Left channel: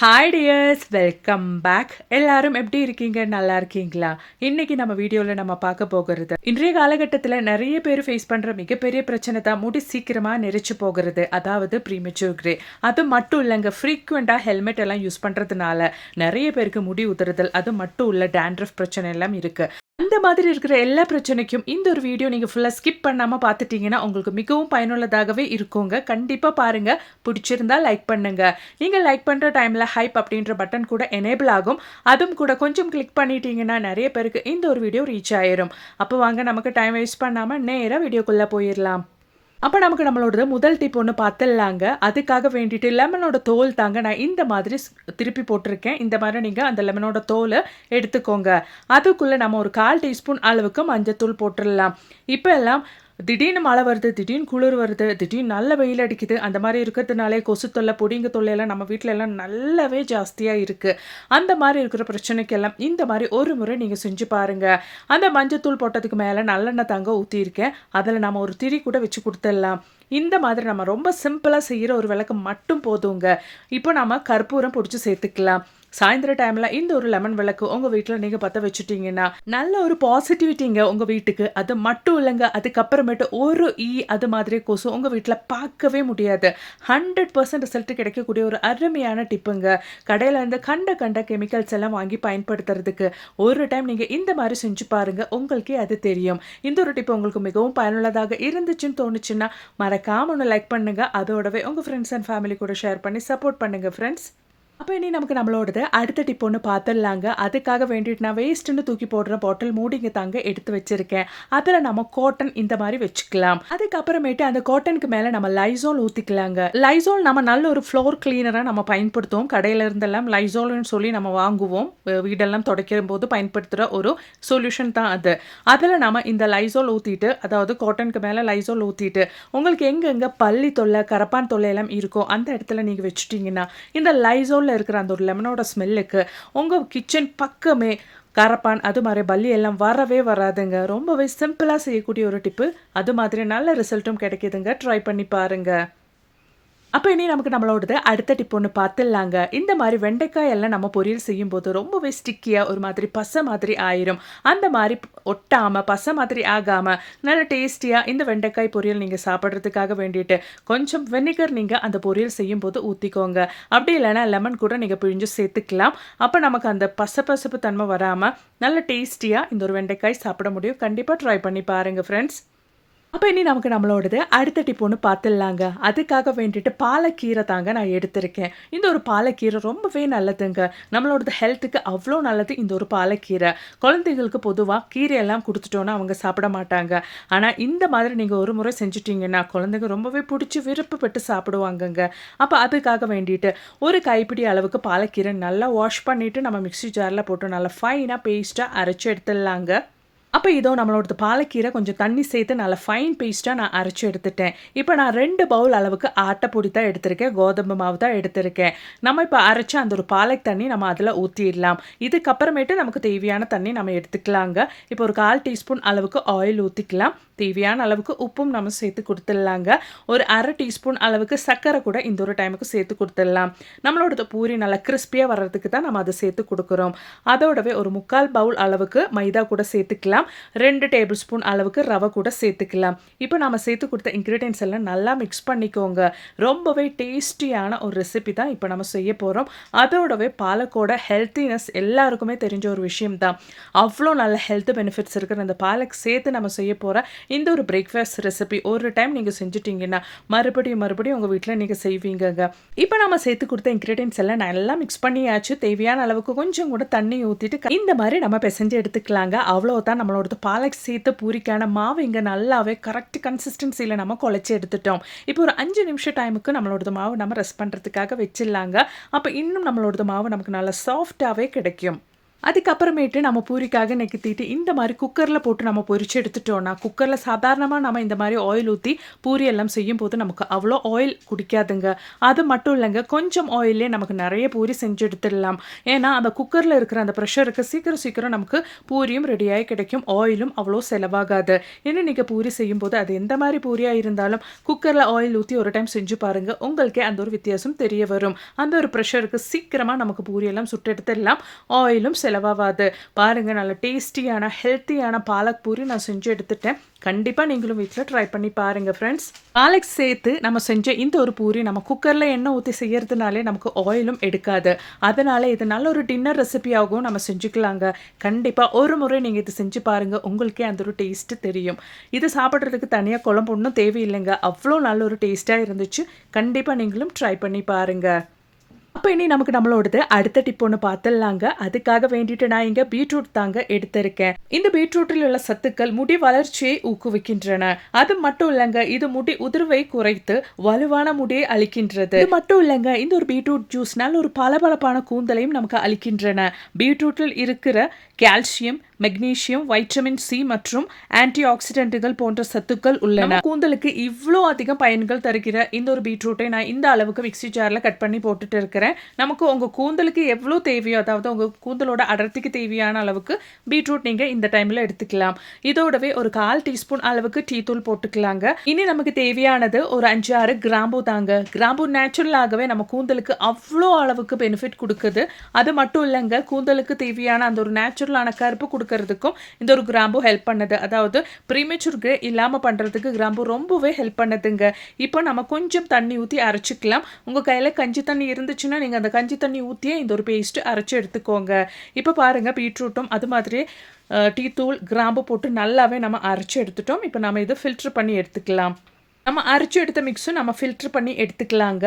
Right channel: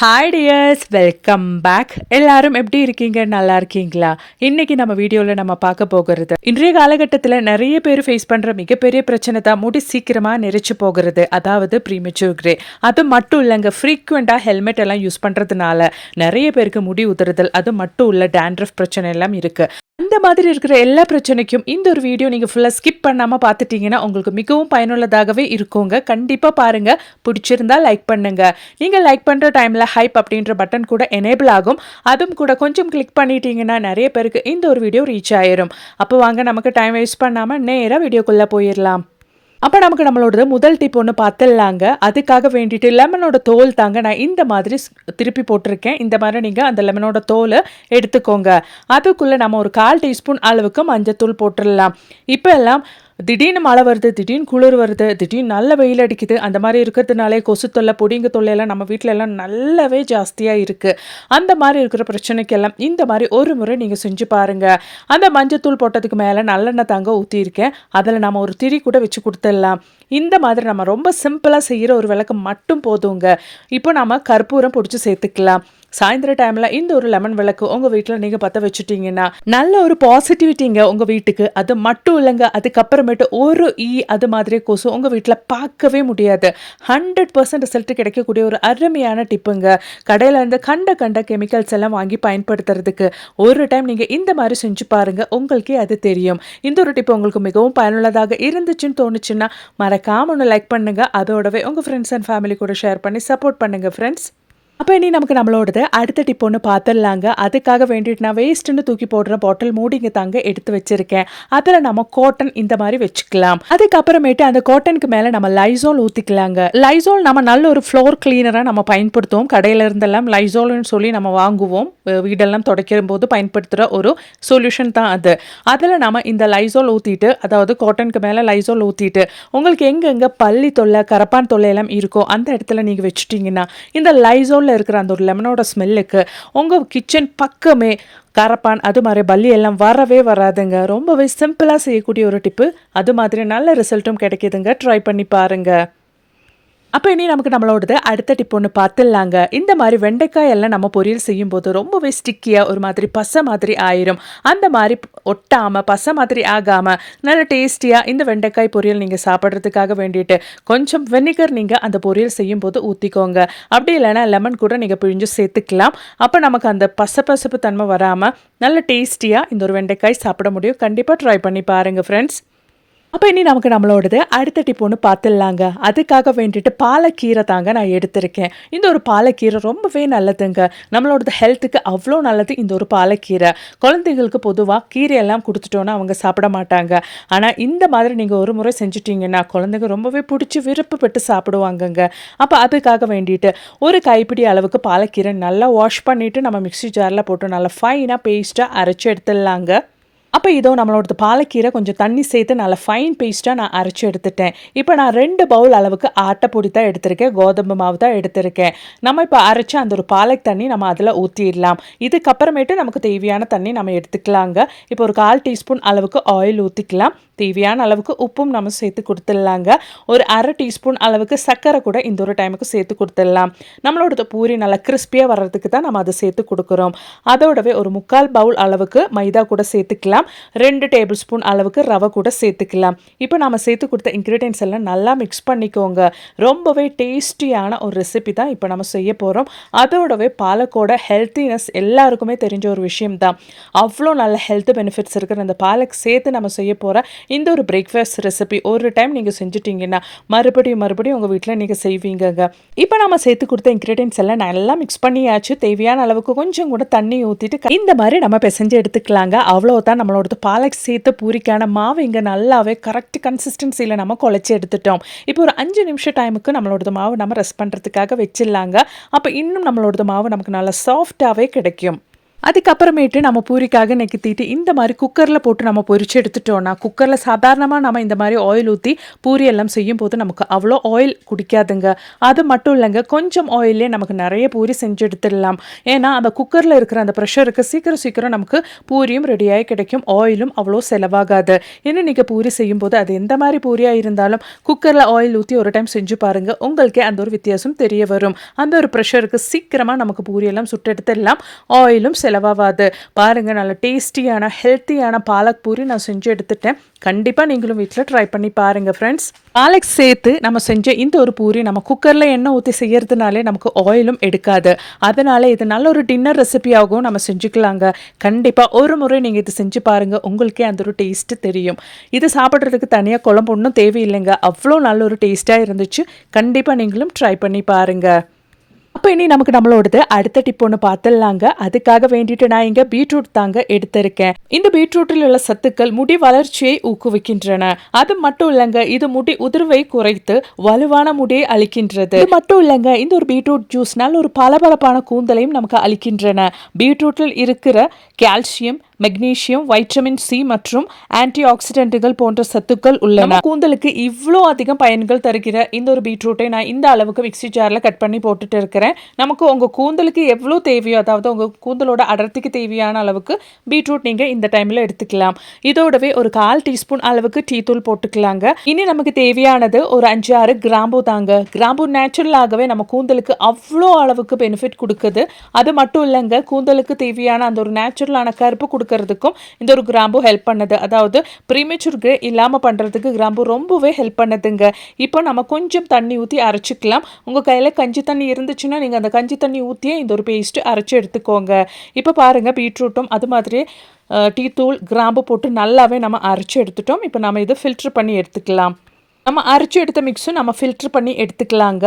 Hi tears welcome back எல்லாரும் எப்படி இருக்கீங்க? நல்லா இருக்கீங்களா? இன்னைக்கு நம்ம வீடியோவில் நம்ம பார்க்க போகிறது இன்றைய காலகட்டத்தில் நிறைய பேர் ஃபேஸ் பண்ணுற மிகப்பெரிய பிரச்சனை தான் முடி சீக்கிரமாக நெரிச்சு போகிறது. அதாவது ப்ரீமெச்சூர் கிரே அது மட்டும் இல்லைங்க ஃப்ரீக்வெண்ட்டாக ஹெல்மெட் எல்லாம் யூஸ் பண்ணுறதுனால நிறைய பேருக்கு முடி உதிருதல் அது மட்டும் இல்லை டேண்ட்ரஃப் பிரச்சனை எல்லாம் இருக்குது அந்த மாதிரி இருக்கிற எல்லா பிரச்சனைக்கும் இந்த ஒரு வீடியோ நீங்கள் ஃபுல்லாக ஸ்கிப் பண்ணாமல் பார்த்துட்டீங்கன்னா உங்களுக்கு மிகவும் பயனுள்ளதாகவே இருக்குங்க. கண்டிப்பாக பாருங்கள் பிடிச்சிருந்தா லைக் பண்ணுங்கள் நீங்கள் லைக் பண்ணுற டைமில் ஹைப் அப்படின்ற பட்டன் கூட எனேபிள் ஆகும். அதுவும் கூட கொஞ்சம் கிளிக் பண்ணிட்டீங்கன்னா நிறைய பேருக்கு இந்த ஒரு வீடியோ ரீச் ஆயிரும். அப்போ வாங்க நமக்கு டைம் வேஸ்ட் பண்ணாமல் நேராக வீடியோக்குள்ளே போயிடலாம் அப்போ நமக்கு நம்மளோட முதல் டிப் ஒன்று பார்த்துடலாங்க. அதுக்காக வேண்டிட்டு லெமனோட தோல் தாங்க நான் இந்த மாதிரி ஸ்- திருப்பி போட்டிருக்கேன். இந்த மாதிரி நீங்கள் அந்த லெமனோட தோலை எடுத்துக்கோங்க. அதுக்குள்ளே நம்ம ஒரு கால் டீஸ்பூன் அளவுக்கு மஞ்சத்தூள் போட்டுடலாம். இப்போ எல்லாம் திடீர்னு மழை வருது திடீர்னு குளிர் வருது திடீர்னு நல்ல வெயில் அடிக்குது. அந்த மாதிரி இருக்கிறதுனாலே கொசு தொல்லை பொடிங்க தொல்லையெல்லாம் நம்ம வீட்டில எல்லாம் நல்லாவே ஜாஸ்தியாக இருக்குது அந்த மாதிரி இருக்கிற பிரச்சனைக்கெல்லாம் இந்த மாதிரி ஒரு முறை நீங்கள் செஞ்சு பாருங்கள் அந்த மஞ்சத்தூள் போட்டதுக்கு மேலே நல்லெண்ணெய் தாங்க ஊற்றியிருக்கேன் அதில் நம்ம ஒரு திரி கூட வச்சு கொடுத்துடலாம். இந்த மாதிரி நம்ம ரொம்ப சிம்பிளாக செய்கிற ஒரு விளக்கு மட்டும் போதுங்க. இப்போ நம்ம கற்பூரம் பிடிச்சி சேர்த்துக்கலாம். சாயந்தர டைமில் இந்த ஒரு லெமன் விளக்கு உங்கள் வீட்டில் நீங்கள் பற்ற வச்சுட்டீங்கன்னா நல்ல ஒரு பாசிட்டிவிட்டிங்க உங்கள் வீட்டுக்கு. அது மட்டும் இல்லைங்க அதுக்கப்புறமேட்டு ஒரு ஈ அது மாதிரி கொசு உங்கள் வீட்டில் பார்க்கவே முடியாது. ஹண்ட்ரட் பர்சன்ட் ரிசல்ட் கிடைக்கக்கூடிய ஒரு அருமையான டிப்புங்க. கடையிலேருந்து கண்ட கண்ட கெமிக்கல்ஸ் எல்லாம் வாங்கி பயன்படுத்துறதுக்கு ஒரு டைம் நீங்கள் இந்த மாதிரி செஞ்சு பாருங்க உங்களுக்கே அது தெரியும். இந்த ஒரு டிப் உங்களுக்கு மிகவும் பயனுள்ளதாக இருந்துச்சுன்னு தோணுச்சுன்னா மறக்காம ஒன்று லைக் பண்ணுங்க. அதோடவே உங்கள் ஃப்ரெண்ட்ஸ் அண்ட் ஃபேமிலி கூட ஷேர் பண்ணி சப்போர்ட் பண்ணுங்க ஃப்ரெண்ட்ஸ் அப்போ இனி நமக்கு நம்மளோடது அடுத்த டிப் ஒன்று பார்த்துடலாங்க அதுக்காக வேண்டிட்டு நான் வேஸ்ட்டுன்னு தூக்கி போடுற பாட்டில் மூடிங்க தாங்க எடுத்து வச்சுருக்கேன். அதில் நம்ம காட்டன் இந்த மாதிரி வச்சுக்கலாம். அதுக்கப்புறமேட்டு அந்த காட்டனுக்கு மேலே நம்ம லைசோல் ஊற்றிக்கலாங்க லைசோல் நம்ம நல்ல ஒரு ஃப்ளோர் கிளீனராக நம்ம பயன்படுத்துவோம். கடையில் இருந்தெல்லாம் லைசோல்னு சொல்லி நம்ம வாங்குவோம். வீடெல்லாம் துடைக்கிற போது பயன்படுத்துகிற ஒரு சொல்யூஷன் தான் அது. அதில் நம்ம இந்த லைசோல் ஊற்றிட்டு அதாவது காட்டனுக்கு மேலே லைசோல் ஊற்றிட்டு உங்களுக்கு எங்கெங்கே பள்ளி தொல்லை கரப்பான் தொல்லை எல்லாம் இருக்கோ அந்த இடத்துல நீங்கள் வச்சுட்டிங்கன்னா இந்த லைசோலில் இருக்கிற அந்த ஒரு லெமனோட ஸ்மெல்லுக்கு உங்கள் கிச்சன் பக்கமே கரப்பான் அது மாதிரி பல்லி எல்லாம் வரவே வராதுங்க. ரொம்பவே சிம்பிளாக செய்யக்கூடிய ஒரு டிப்பு அது மாதிரி நல்ல ரிசல்ட்டும் கிடைக்குதுங்க. ட்ரை பண்ணி பாருங்கள் அப்போ இனி நமக்கு நம்மளோடது அடுத்த டிப் ஒன்று பார்த்துடலாங்க. இந்த மாதிரி வெண்டைக்காய் எல்லாம் நம்ம பொரியல் செய்யும்போது ரொம்பவே ஸ்டிக்கியாக ஒரு மாதிரி பசை மாதிரி ஆயிரும். அந்த மாதிரி ஒட்டாமல் பசை மாதிரி ஆகாமல் நல்ல டேஸ்டியாக இந்த வெண்டைக்காய் பொரியல் நீங்கள் சாப்பிட்றதுக்காக வேண்டிட்டு கொஞ்சம் வெனிகர் நீங்கள் அந்த பொரியல் செய்யும்போது ஊற்றிக்கோங்க அப்படி இல்லைன்னா லெமன் கூட நீங்கள் பிழிஞ்சு சேர்த்துக்கலாம். அப்போ நமக்கு அந்த பசப்பசப்பு தன்மை வராமல் நல்ல டேஸ்டியாக இந்த ஒரு வெண்டைக்காய் சாப்பிட முடியும். கண்டிப்பாக ட்ரை பண்ணி பாருங்கள் ஃப்ரெண்ட்ஸ் அப்போ இனி நமக்கு நம்மளோடது அடுத்த டிப் ஒன்று பார்த்துடலாங்க அதுக்காக வேண்டிட்டு பாலக்கீரை தாங்க நான் எடுத்திருக்கேன். இந்த ஒரு பாலக்கீரை ரொம்பவே நல்லதுங்க. நம்மளோடது ஹெல்த்துக்கு அவ்வளோ நல்லது இந்த ஒரு பாலக்கீரை. குழந்தைங்களுக்கு பொதுவாக கீரையெல்லாம் கொடுத்துட்டோன்னா அவங்க சாப்பிட மாட்டாங்க. ஆனால் இந்த மாதிரி நீங்கள் ஒரு முறை செஞ்சுட்டிங்கன்னா குழந்தைங்க ரொம்பவே பிடிச்சி விருப்பப்பட்டு சாப்பிடுவாங்கங்க. அப்போ அதுக்காக வேண்டிட்டு ஒரு கைப்பிடி அளவுக்கு பாலக்கீரை நல்லா வாஷ் பண்ணிவிட்டு நம்ம மிக்ஸி ஜாரில் போட்டு நல்லா ஃபைனாக பேஸ்ட்டாக அரைச்சி எடுத்துடலாங்க. அப்போ இதோ நம்மளோடது பாலக்கீரை கொஞ்சம் தண்ணி சேர்த்து நல்லா ஃபைன் பேஸ்ட்டாக நான் அரைச்சி எடுத்துட்டேன். இப்போ நான் ரெண்டு பவுல் அளவுக்கு ஆட்டைப்பொடி தான் எடுத்திருக்கேன். கோதுமை மாவு தான் எடுத்திருக்கேன். நம்ம இப்போ அரைச்ச அந்த ஒரு பாலக் தண்ணி நம்ம அதில் ஊற்றிடலாம் இதுக்கப்புறமேட்டு நமக்கு தேவையான தண்ணி நம்ம எடுத்துக்கலாங்க. இப்போ ஒரு கால் டீஸ்பூன் அளவுக்கு ஆயில் ஊற்றிக்கலாம் தேவையான அளவுக்கு உப்பும் நம்ம சேர்த்து கொடுத்துடலாங்க. ஒரு அரை டீஸ்பூன் அளவுக்கு சர்க்கரை கூட இந்த ஒரு டைமுக்கு சேர்த்து கொடுத்துடலாம். நம்மளோட பூரி நல்லா கிறிஸ்பியாக வர்றதுக்கு தான் நம்ம அதை சேர்த்து கொடுக்குறோம். அதோடவே ஒரு முக்கால் பவுல் அளவுக்கு மைதா கூட சேர்த்துக்கலாம். ரெண்டு டேபிள் ஸ்பூன் அளவுக்கு ரவை கூட சேர்த்துக்கலாம். இப்போ நம்ம சேர்த்து கொடுத்த இன்க்ரீடியன்ஸ் எல்லாம் நல்லா மிக்ஸ் பண்ணிக்கோங்க. ரொம்பவே டேஸ்டியான ஒரு ரெசிபி தான் இப்போ நம்ம செய்ய போகிறோம் அதோடவே பாலக்கோட ஹெல்த்தினஸ் எல்லாருக்குமே தெரிஞ்ச ஒரு விஷயம் தான் அவ்வளோ நல்ல ஹெல்த் பெனிஃபிட்ஸ் இருக்கிற அந்த பாலக் சேர்த்து நம்ம செய்ய போகிற இந்த ஒரு பிரேக்ஃபாஸ்ட் ரெசிபி ஒரு டைம் நீங்கள் செஞ்சுட்டீங்கன்னா மறுபடியும் மறுபடியும் உங்கள் வீட்டில் நீங்கள் செய்வீங்கங்க. இப்போ நம்ம சேர்த்து கொடுத்த இன்க்ரீடியன்ஸ் எல்லாம் நல்லா மிக்ஸ் பண்ணியாச்சு. தேவையான அளவுக்கு கொஞ்சம் கூட தண்ணி ஊற்றிட்டு இந்த மாதிரி நம்ம பிசைஞ்சு எடுத்துக்கலாங்க. அவ்வளோதான் நம்மளோடது பாலக் சேர்த்து பூரிக்கான மாவு இங்கே நல்லாவே கரெக்ட் கன்சிஸ்டன்சியில் நம்ம குழச்சி எடுத்துட்டோம். இப்போ ஒரு அஞ்சு நிமிஷம் டைமுக்கு நம்மளோடது மாவு நம்ம ரெஸ்ட் பண்ணுறதுக்காக வச்சிடலாங்க. அப்போ இன்னும் நம்மளோடது மாவு நமக்கு நல்லா சாஃப்டாகவே கிடைக்கும். அதுக்கப்புறமேட்டு நம்ம பூரிக்காக நெக்கித்திட்டு இந்த மாதிரி குக்கரில் போட்டு நம்ம பொரிச்சு எடுத்துட்டோம்னா குக்கரில் சாதாரணமாக நம்ம இந்த மாதிரி ஆயில் ஊற்றி பூரி எல்லாம் செய்யும் போது நமக்கு அவ்வளோ ஆயில் குடிக்காதுங்க. அது மட்டும் இல்லைங்க கொஞ்சம் ஆயிலே நமக்கு நிறைய பூரி செஞ்சு எடுத்துடலாம். ஏன்னா அந்த குக்கரில் இருக்கிற அந்த ப்ரெஷருக்கு சீக்கிரம் சீக்கிரம் நமக்கு பூரியும் ரெடியாகி கிடைக்கும். ஆயிலும் அவ்வளோ செலவாகாது. இன்னும் நீங்கள் பூரி செய்யும் போது அது எந்த மாதிரி பூரியாக இருந்தாலும் குக்கரில் ஆயில் ஊற்றி ஒரு டைம் செஞ்சு பாருங்கள் உங்களுக்கே அந்த ஒரு வித்தியாசம் தெரிய வரும். அந்த ஒரு ப்ரெஷருக்கு சீக்கிரமாக நமக்கு பூரியெல்லாம் சுட்டெடுத்துடலாம் ஆயிலும் செலவாகாது பாருங்கள் நல்ல டேஸ்டியான ஹெல்த்தியான பாலக் பூரி நான் செஞ்சு எடுத்துட்டேன். கண்டிப்பாக நீங்களும் வீட்டில் ட்ரை பண்ணி பாருங்கள் ஃப்ரெண்ட்ஸ் பாலக் சேர்த்து நம்ம செஞ்ச இந்த ஒரு பூரி நம்ம குக்கரில் எண்ணெய் ஊற்றி செய்யறதுனாலே நமக்கு ஆயிலும் எடுக்காது. அதனால் இது நல்ல ஒரு டின்னர் ரெசிபியாகவும் நம்ம செஞ்சுக்கலாங்க. கண்டிப்பாக ஒரு முறை நீங்கள் இது செஞ்சு பாருங்கள் உங்களுக்கே அந்த ஒரு டேஸ்ட்டு தெரியும். இது சாப்பிட்றதுக்கு தனியாக குழம்பு ஒன்றும் தேவையில்லைங்க. அவ்வளோ நல்ல ஒரு டேஸ்ட்டாக இருந்துச்சு. கண்டிப்பாக நீங்களும் ட்ரை பண்ணி பாருங்கள் அப்போ இனி நமக்கு நம்மளோடது அடுத்த டிப் ஒன்று பார்த்துடலாங்க அதுக்காக வேண்டிட்டு நான் இங்கே பீட்ரூட் தாங்க எடுத்திருக்கேன். இந்த பீட்ரூட்டில் உள்ள சத்துக்கள் முடி வளர்ச்சியை ஊக்குவிக்கின்றன. அது மட்டும் இல்லைங்க இது முடி உதிர்வை குறைத்து வலுவான முடியை அளிக்கின்றது. இது மட்டும் இல்லைங்க இந்த ஒரு பீட்ரூட் ஜூஸ்னால் ஒரு பளபளப்பான கூந்தலையும் நமக்கு அளிக்கின்றன. பீட்ரூட்டில் இருக்கிற கால்சியம் மெக்னீசியம் வைட்டமின் சி மற்றும் ஆன்டி ஆக்சிடென்ட்டுகள் போன்ற சத்துக்கள் உள்ளன. கூந்தலுக்கு இவ்வளோ அதிகம் பயன்கள் தருகிற இந்த ஒரு பீட்ரூட்டை நான் இந்த அளவுக்கு மிக்சி ஜாரில் கட் பண்ணி போட்டுட்டு இருக்கிறேன். நமக்கு உங்கள் கூந்தலுக்கு எவ்வளோ தேவையோ அதாவது உங்கள் கூந்தலோட அடர்த்திக்கு தேவையான அளவுக்கு பீட்ரூட் நீங்கள் இந்த டைமில் எடுத்துக்கலாம். இதோடவே ஒரு கால் டீஸ்பூன் அளவுக்கு டீ தூள் போட்டுக்கலாங்க. இனி நமக்கு தேவையானது ஒரு அஞ்சு ஆறு கிராம்பு தாங்க. கிராம்பு நேச்சுரலாகவே நம்ம கூந்தலுக்கு அவ்வளோ அளவுக்கு பெனிஃபிட் கொடுக்குது. அது மட்டும் இல்லைங்க கூந்தலுக்கு தேவையான அந்த ஒரு நேச்சுரலான கருப்பு கொடுக்க கொடுக்கறதுக்கும் இந்த ஒரு கிராம்பு ஹெல்ப் பண்ணுது. அதாவது ப்ரீமெச்சூர் கிரே இல்லாமல் பண்ணுறதுக்கு கிராம்பு ரொம்பவே ஹெல்ப் பண்ணுதுங்க. இப்போ நம்ம கொஞ்சம் தண்ணி ஊற்றி அரைச்சிக்கலாம். உங்கள் கையில் கஞ்சி தண்ணி இருந்துச்சுன்னா நீங்கள் அந்த கஞ்சி தண்ணி ஊற்றியே இந்த ஒரு பேஸ்ட்டு அரைச்சி எடுத்துக்கோங்க. இப்போ பாருங்கள் பீட்ரூட்டும் அது மாதிரி டீ தூள் கிராம்பு போட்டு நல்லாவே நம்ம அரைச்சி எடுத்துட்டோம். இப்போ நம்ம இதை ஃபில்ட்ரு பண்ணி எடுத்துக்கலாம். நம்ம அரைச்சி எடுத்த மிக்ஸும் நம்ம ஃபில்ட்ரு பண்ணி எடுத்துக்கலாங்க.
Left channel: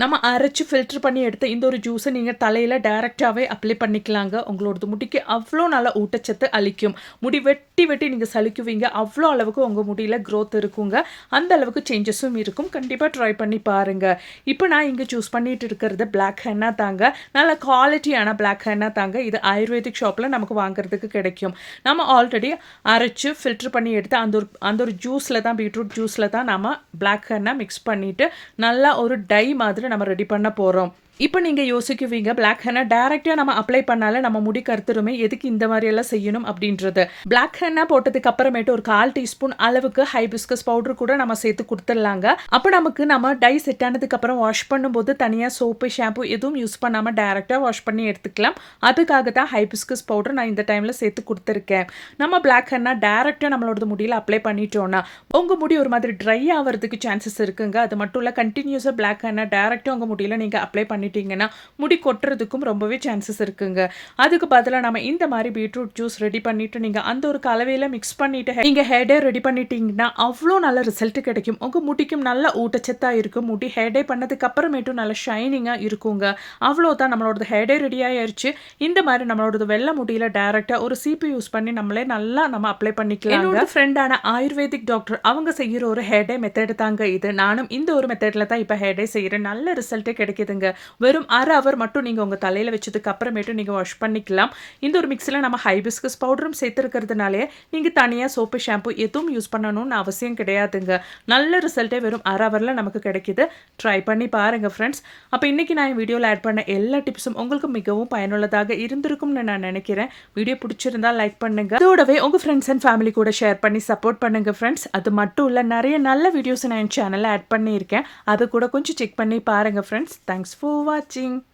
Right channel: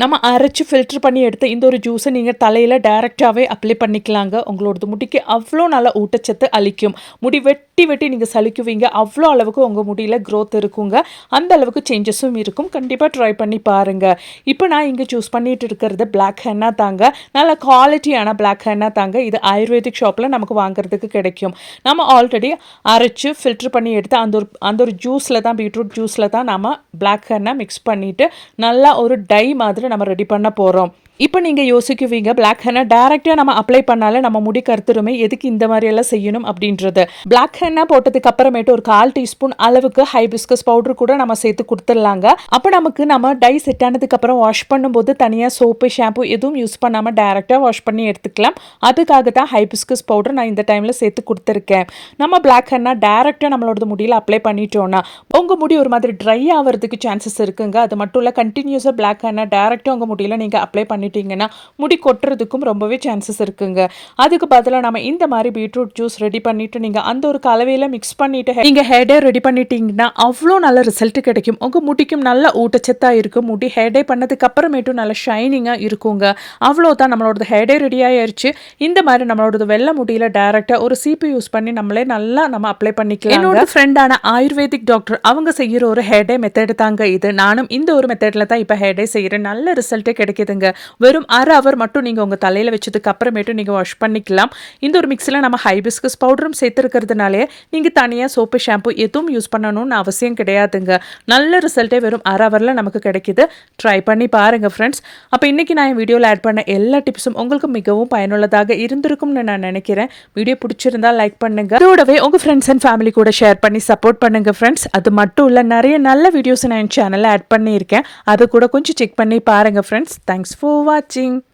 நம்ம அரைச்சி ஃபில்ட்ரு பண்ணி எடுத்த இந்த ஒரு ஜூஸை நீங்கள் தலையில் டைரெக்டாகவே அப்ளை பண்ணிக்கலாங்க. உங்களோடது முடிக்கு அவ்வளோ நல்ல ஊட்டச்சத்து அளிக்கும். முடி வெட்டி வெட்டி நீங்கள் சலிக்குவீங்க அவ்வளோ அளவுக்கு உங்கள் முடியில் க்ரோத் இருக்குங்க. அந்த அளவுக்கு சேஞ்சஸும் இருக்கும். கண்டிப்பாக ட்ரை பண்ணி பாருங்கள் இப்போ நான் இங்கே சூஸ் பண்ணிட்டு இருக்கிறது பிளாக் ஹென்னா தாங்க. நல்ல குவாலிட்டியான பிளாக் ஹென்னா தாங்க. இது ஆயுர்வேதிக் ஷாப்பில் நமக்கு வாங்குறதுக்கு கிடைக்கும். நம்ம ஆல்ரெடி அரைச்சி ஃபில்ட்ரு பண்ணி எடுத்து அந்த ஒரு அந்த ஒரு ஜூஸில் தான் பீட்ரூட் ஜூஸில் தான் நம்ம பிளாக் ஹென்னா மிக்ஸ் பண்ணிவிட்டு நல்லா ஒரு டை மாதிரி நம்ம ரெடி பண்ண போகிறோம் இப்போ நீங்கள் யோசிக்குவீங்க பிளாக் ஹென்னா டேரெக்டாக நம்ம அப்ளை பண்ணாலே நம்ம முடி கருத்துருமே எதுக்கு இந்த மாதிரியெல்லாம் செய்யணும் அப்படின்றது. பிளாக் ஹென்னா போட்டதுக்கு அப்புறமேட்டு ஒரு கால் டீஸ்பூன் அளவுக்கு ஹைபிஸ்கஸ் பவுடர் கூட நம்ம சேர்த்து கொடுத்துடலாங்க. அப்போ நமக்கு நம்ம டை செட் ஆனதுக்கு அப்புறம் வாஷ் பண்ணும்போது தனியாக சோப்பு ஷாம்பு எதுவும் யூஸ் பண்ணாமல் டேரெக்டாக வாஷ் பண்ணி எடுத்துக்கலாம். அதுக்காக தான் ஹைபிஸ்கஸ் பவுடர் நான் இந்த டைமில் சேர்த்து கொடுத்துருக்கேன். நம்ம பிளாக் ஹென்னா டேரெக்டாக நம்மளோட முடியில் அப்ளை பண்ணிட்டோன்னா உங்கள் முடி ஒரு மாதிரி ட்ரை ஆகிறதுக்கு சான்சஸ் இருக்குங்க. அது மட்டும் இல்லை கண்டினியூஸாக பிளாக் ஹென்னா டேரெக்டாக உங்கள் முடியில் நீங்கள் அப்ளை பண்ணி பண்ணிட்டீங்கன்னா முடி கொட்டுறதுக்கும் ரொம்பவே சான்சஸ் இருக்குங்க. அதுக்கு பதிலாக நம்ம இந்த மாதிரி பீட்ரூட் ஜூஸ் ரெடி பண்ணிட்டு நீங்கள் அந்த ஒரு கலவையில் மிக்ஸ் பண்ணிட்டு நீங்கள் ஹேடே ரெடி பண்ணிட்டீங்கன்னா அவ்வளோ நல்ல ரிசல்ட் கிடைக்கும். உங்கள் முடிக்கும் நல்ல ஊட்டச்சத்தாக இருக்கும். முடி ஹேடே பண்ணதுக்கு அப்புறமேட்டும் நல்ல ஷைனிங்காக இருக்குங்க. அவ்வளோதான் நம்மளோட ஹேடே ரெடி ஆயிடுச்சு இந்த மாதிரி நம்மளோட வெள்ளை முடியில் டைரெக்டாக ஒரு சிபி யூஸ் பண்ணி நம்மளே நல்லா நம்ம அப்ளை பண்ணிக்கலாம் என்னோட ஃப்ரெண்டான ஆயுர்வேதிக் டாக்டர் அவங்க செய்கிற ஒரு ஹேடே மெத்தட் தாங்க இது. நானும் இந்த ஒரு மெத்தடில் தான் இப்போ ஹேடே செய்கிறேன் நல்ல ரிசல்ட்டே கிடைக்குதுங்க. வெறும் அரை அவர் மட்டும் நீங்கள் உங்கள் தலையில் வச்சதுக்கு அப்புறமேட்டு நீங்கள் வாஷ் பண்ணிக்கலாம். இந்த ஒரு மிக்சியில் நம்ம ஹைபிஸ்கஸ் பவுடரும் சேர்த்துருக்கிறதுனாலே நீங்கள் தனியாக சோப்பு ஷாம்பு எதுவும் யூஸ் பண்ணணும்னு அவசியம் கிடையாதுங்க. நல்ல ரிசல்ட்டே வெறும் அரை அவரில் நமக்கு கிடைக்கிது. ட்ரை பண்ணி பாருங்கள் ஃப்ரெண்ட்ஸ் அப்போ இன்றைக்கி நான் என் வீடியோவில் ஆட் பண்ண எல்லா டிப்ஸும் உங்களுக்கு மிகவும் பயனுள்ளதாக இருந்திருக்கும்னு நான் நினைக்கிறேன். வீடியோ பிடிச்சிருந்தா லைக் பண்ணுங்கள் அதோடவே உங்கள் ஃப்ரெண்ட்ஸ் அண்ட் ஃபேமிலி கூட ஷேர் பண்ணி சப்போர்ட் பண்ணுங்கள் ஃப்ரெண்ட்ஸ் அது மட்டும் இல்லை நிறைய நல்ல வீடியோஸ் நான் என் சேனலில் ஆட் பண்ணியிருக்கேன். அதை கூட கொஞ்சம் செக் பண்ணி பாருங்கள் ஃப்ரெண்ட்ஸ் தேங்க்ஸ் ஃபார் watching.